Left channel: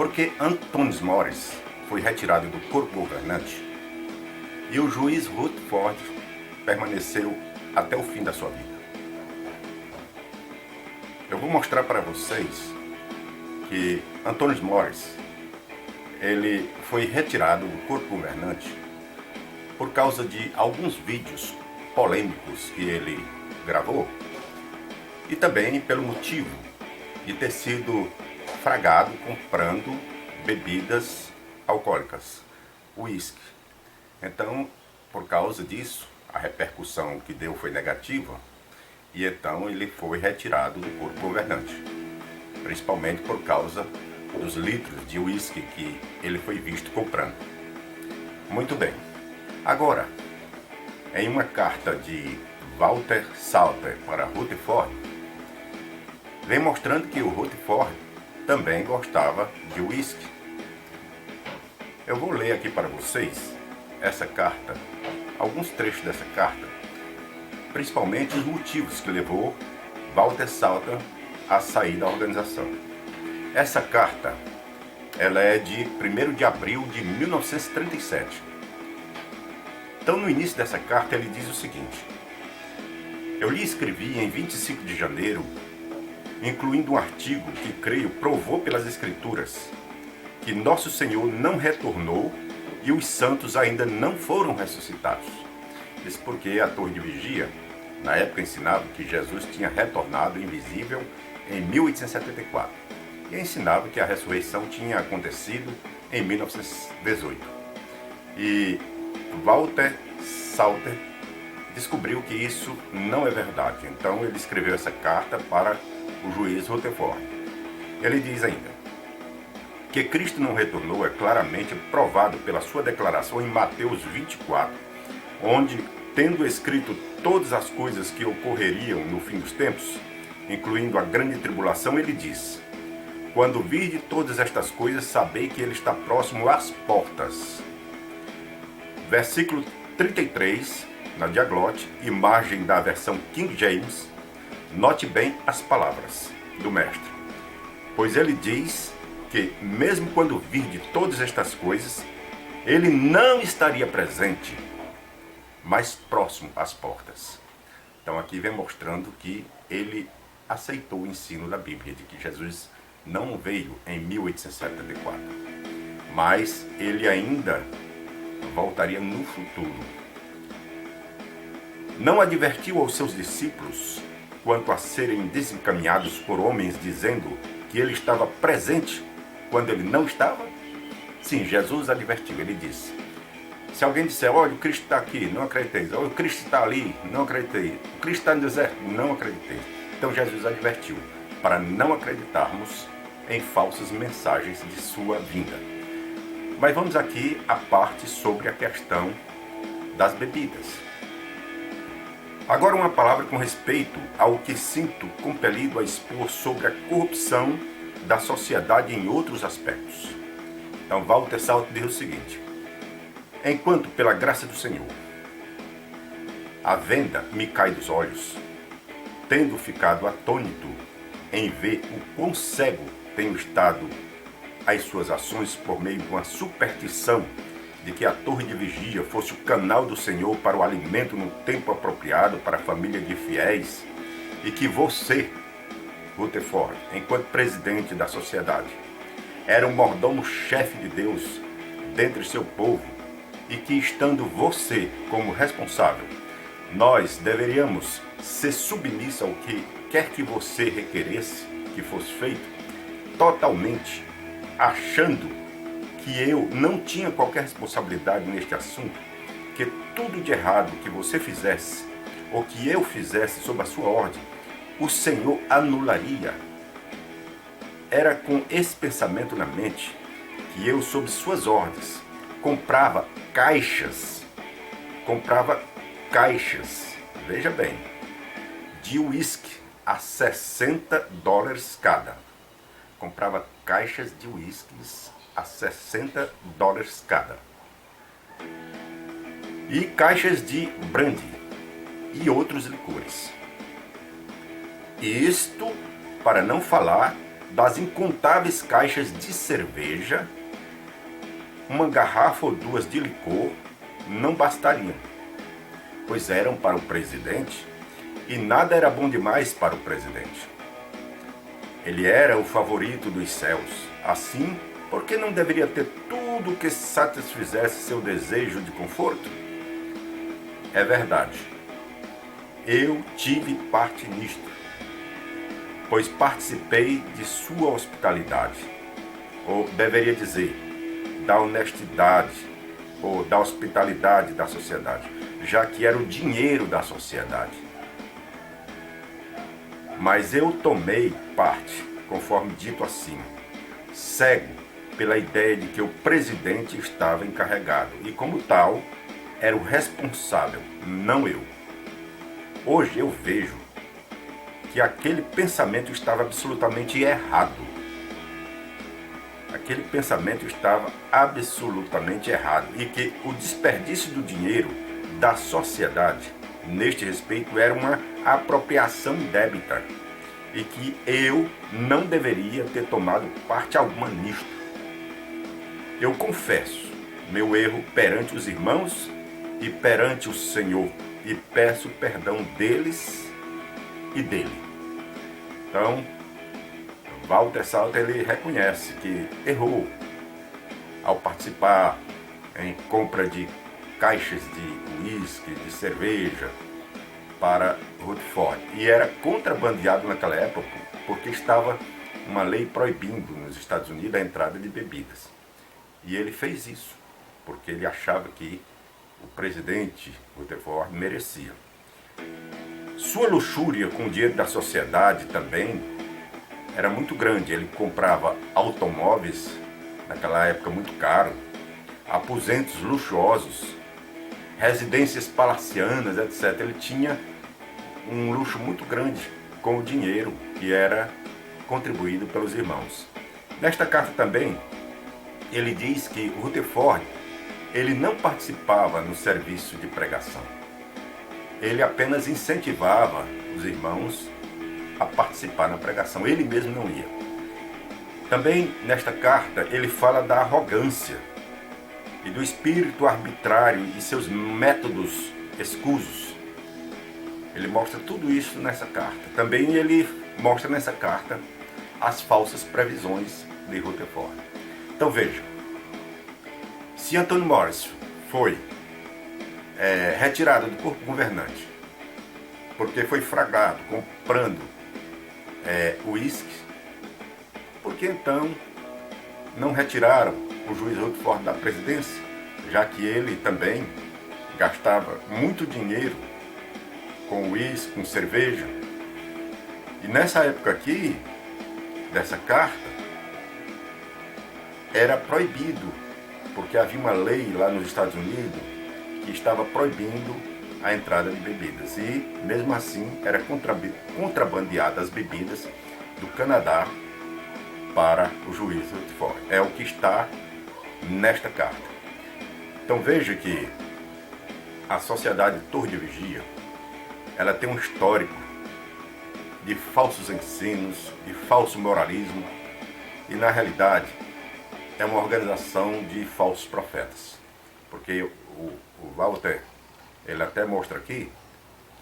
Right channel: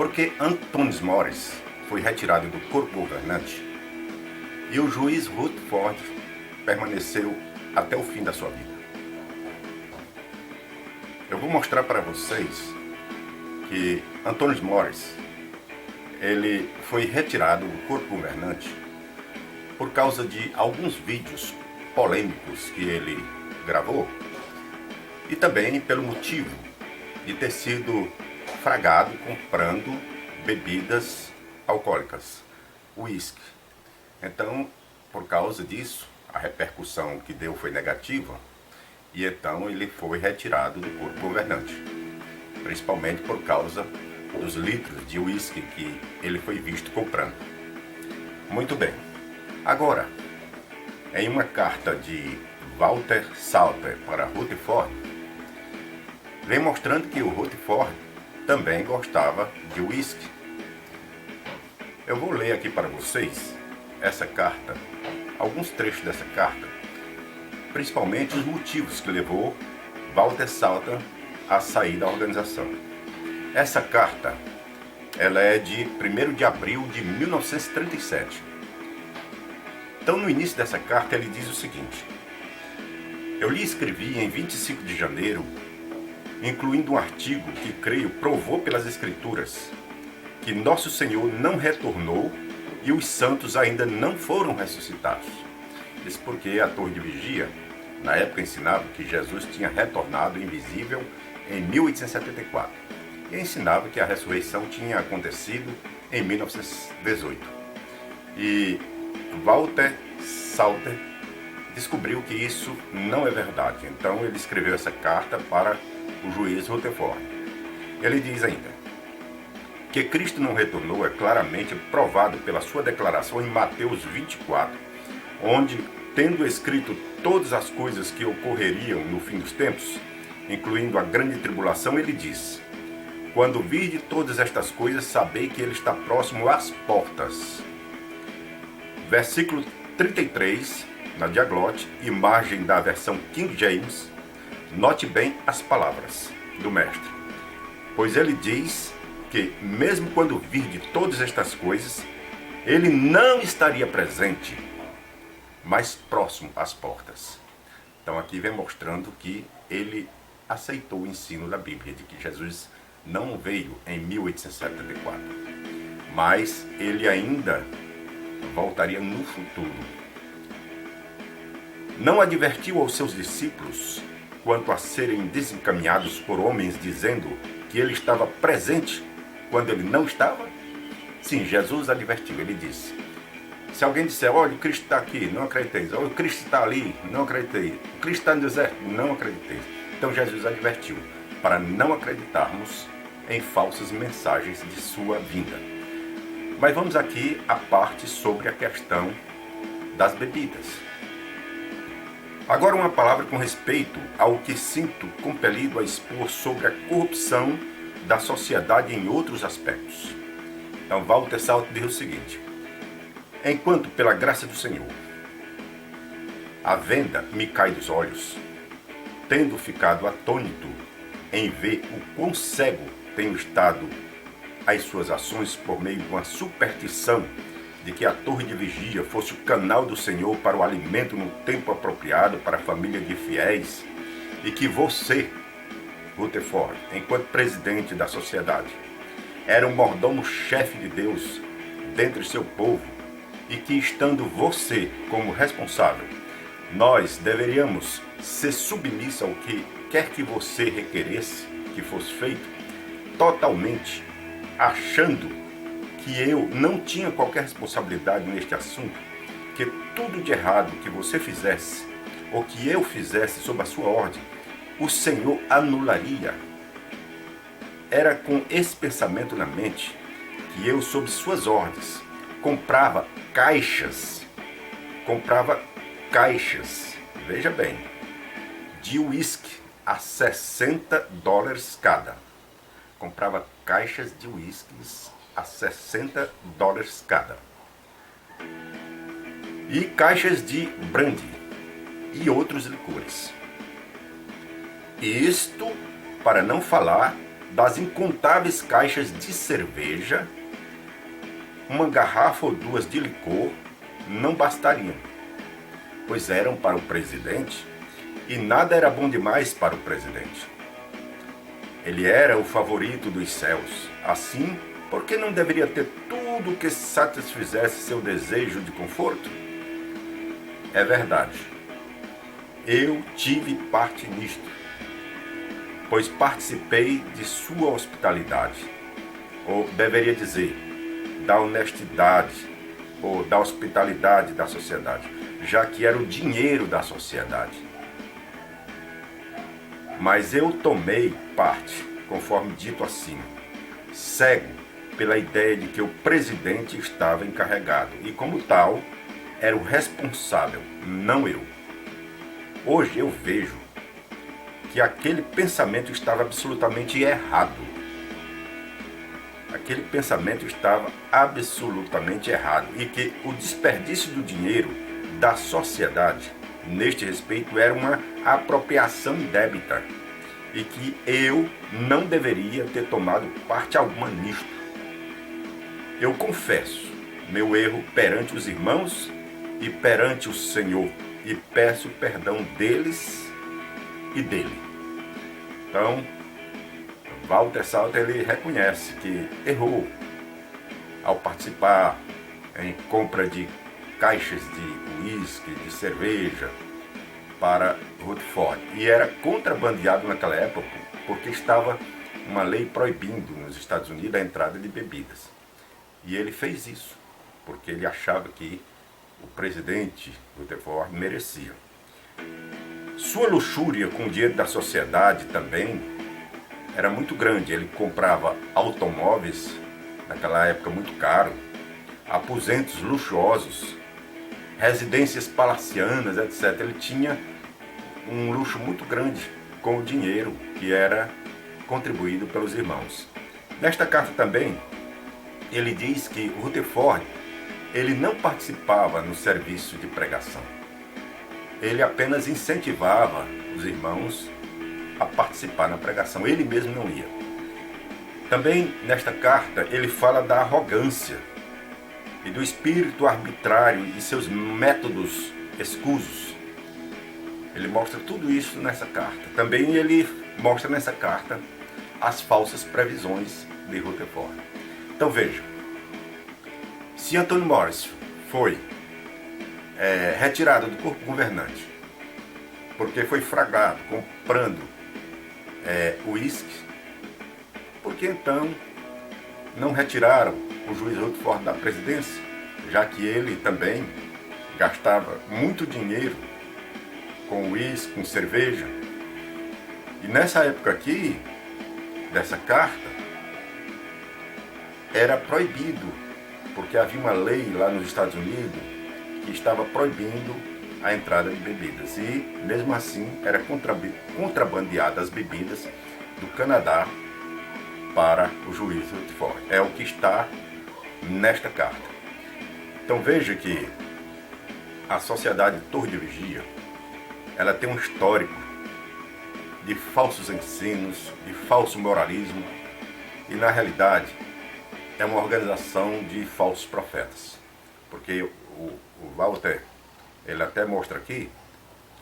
Porque Antônio Mores foi retirado do corpo governante e o juiz Rutherford permaneceu até o fim da sua vida. Eu vou mostrar para vocês que Antônio Mores ele foi retirado do corpo governante por causa de alguns vídeos polêmicos que ele gravou e também pelo motivo de ter sido fragado comprando bebidas alcoólicas, uísque. Então, por causa disso, a repercussão que deu foi negativa e então ele foi retirado do corpo governante, principalmente por causa dos litros de uísque que ele foi visto comprando. Muito bem. Agora, em uma carta de Walter Salter para Rutherford, vem mostrando que o Rutherford também gostava de uísque. Eu vou ler aqui para vocês essa carta, alguns trechos dessa carta, principalmente os motivos que levou Walter Salter a sair da organização. Essa carta, ela é de 1º de abril de 1937. Então, no início dessa carta, ele diz o seguinte: eu lhe escrevi em 25 de janeiro, incluindo um artigo que creio provou pelas Escrituras que nosso Senhor não retornou e os santos ainda não foram ressuscitados. Isso porque a torre de vigia, na época, ensinava que Jesus tinha retornado invisível em 1874 e ensinava que a ressurreição tinha acontecido em 1918. E Walter Salter descobriu que isso não é verdade. Então ele escreveu essa carta para o juiz Rutherford. Ele diz ainda que Cristo não retornou é claramente provado pela sua declaração em Mateus 24, onde, tendo escrito todas as coisas que ocorreriam no fim dos tempos, incluindo a grande tribulação, ele diz: quando virdes todas estas coisas, sabei que ele está próximo às portas. Versículo 33, na Diaglote, imagem da versão King James, note bem as palavras do mestre. Pois ele diz que, mesmo quando virde todas estas coisas, ele não estaria presente, mas próximo às portas. Então aqui vem mostrando que ele aceitou o ensino da Bíblia, de que Jesus não veio em 1874, mas ele ainda voltaria no futuro. Não advertiu aos seus discípulos quanto a serem desencaminhados por homens, dizendo que ele estava presente quando ele não estava? Sim, Jesus advertiu, ele disse: se alguém disser, olha, o Cristo está aqui, não acrediteis. Olha, o Cristo está ali, não acreditei. O Cristo está no deserto, não acreditei. Então Jesus advertiu para não acreditarmos em falsas mensagens de sua vinda. Mas vamos aqui à parte sobre a questão das bebidas. Agora uma palavra com respeito ao que sinto compelido a expor sobre a corrupção da sociedade em outros aspectos. Então Walter Salter diz o seguinte: enquanto pela graça do Senhor a venda me cai dos olhos, tendo ficado atônito em ver o quão cego tenho estado às suas ações por meio de uma superstição de que a torre de vigia fosse o canal do Senhor para o alimento no tempo apropriado para a família de fiéis, e que você, Rutherford, enquanto presidente da sociedade, era um mordomo-chefe de Deus dentre seu povo, e que, estando você como responsável, nós deveríamos ser submissos ao que quer que você requeresse que fosse feito, totalmente achando que eu não tinha qualquer responsabilidade neste assunto, que tudo de errado que você fizesse, ou que eu fizesse sob a sua ordem, o Senhor anularia. Era com esse pensamento na mente que eu, sob suas ordens, comprava caixas, veja bem, de uísque a $60 cada. Comprava caixas de uísques a $60 cada. E caixas de brandy e outros licores. Isto para não falar das incontáveis caixas de cerveja, uma garrafa ou duas de licor não bastariam, pois eram para o presidente e nada era bom demais para o presidente. Ele era o favorito dos céus. Assim, por que não deveria ter tudo que satisfizesse seu desejo de conforto? É verdade. Eu tive parte nisto, pois participei de sua hospitalidade, ou deveria dizer, da honestidade, ou da hospitalidade da sociedade, já que era o dinheiro da sociedade. Mas eu tomei parte, conforme dito acima, cego pela ideia de que o presidente estava encarregado e, como tal, era o responsável, não eu. Hoje eu vejo que aquele pensamento estava absolutamente errado. Aquele pensamento estava absolutamente errado e que o desperdício do dinheiro da sociedade, neste respeito, era uma apropriação indébita e que eu não deveria ter tomado parte alguma nisto. Eu confesso meu erro perante os irmãos e perante o Senhor e peço perdão deles e dele. Então, Walter Salter, ele reconhece que errou ao participar em compra de caixas de uísque, de cerveja para Rutherford. E era contrabandeado naquela época porque estava uma lei proibindo nos Estados Unidos a entrada de bebidas. E ele fez isso porque ele achava que o presidente Rutherford merecia. Sua luxúria com o dinheiro da sociedade também era muito grande. Ele comprava automóveis, naquela época muito caro, aposentos luxuosos, residências palacianas, etc. Ele tinha um luxo muito grande com o dinheiro que era contribuído pelos irmãos. Nesta carta também, ele diz que o Rutherford, ele não participava no serviço de pregação. Ele apenas incentivava os irmãos a participar na pregação. Ele mesmo não ia. Também nesta carta ele fala da arrogância e do espírito arbitrário e seus métodos escusos. Ele mostra tudo isso nessa carta. Também ele mostra nessa carta as falsas previsões de Rutherford. Então veja, se Antônio Morris foi retirado do corpo governante porque foi flagrado comprando uísque, por que então não retiraram o juiz Rutherford da presidência, já que ele também gastava muito dinheiro com uísque, com cerveja? E nessa época aqui, dessa carta, era proibido, porque havia uma lei lá nos Estados Unidos que estava proibindo a entrada de bebidas. E, mesmo assim, era contrabandeada as bebidas do Canadá para o juiz Rutherford. É o que está nesta carta. Então veja que a sociedade Torre de Vigia, ela tem um histórico de falsos ensinos, de falso moralismo, e na realidade é uma organização de falsos profetas. Porque o Walter, ele até mostra aqui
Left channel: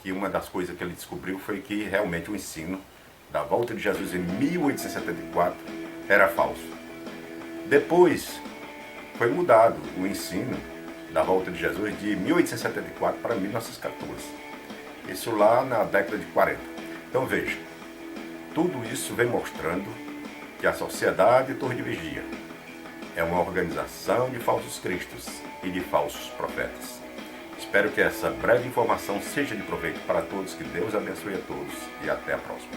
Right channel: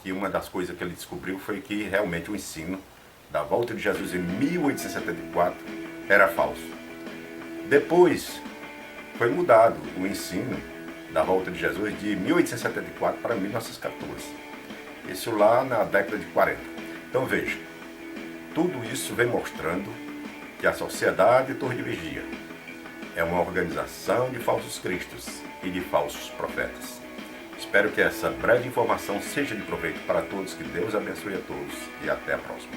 que uma das coisas que ele descobriu foi que realmente o ensino da volta de Jesus em 1874 era falso. Depois foi mudado o ensino da volta de Jesus de 1874 para 1914. Isso lá na década de 40. Então veja, tudo isso vem mostrando que a Sociedade Torre de Vigia é uma organização de falsos cristos e de falsos profetas. Espero que essa breve informação seja de proveito para todos, que Deus abençoe a todos e até a próxima.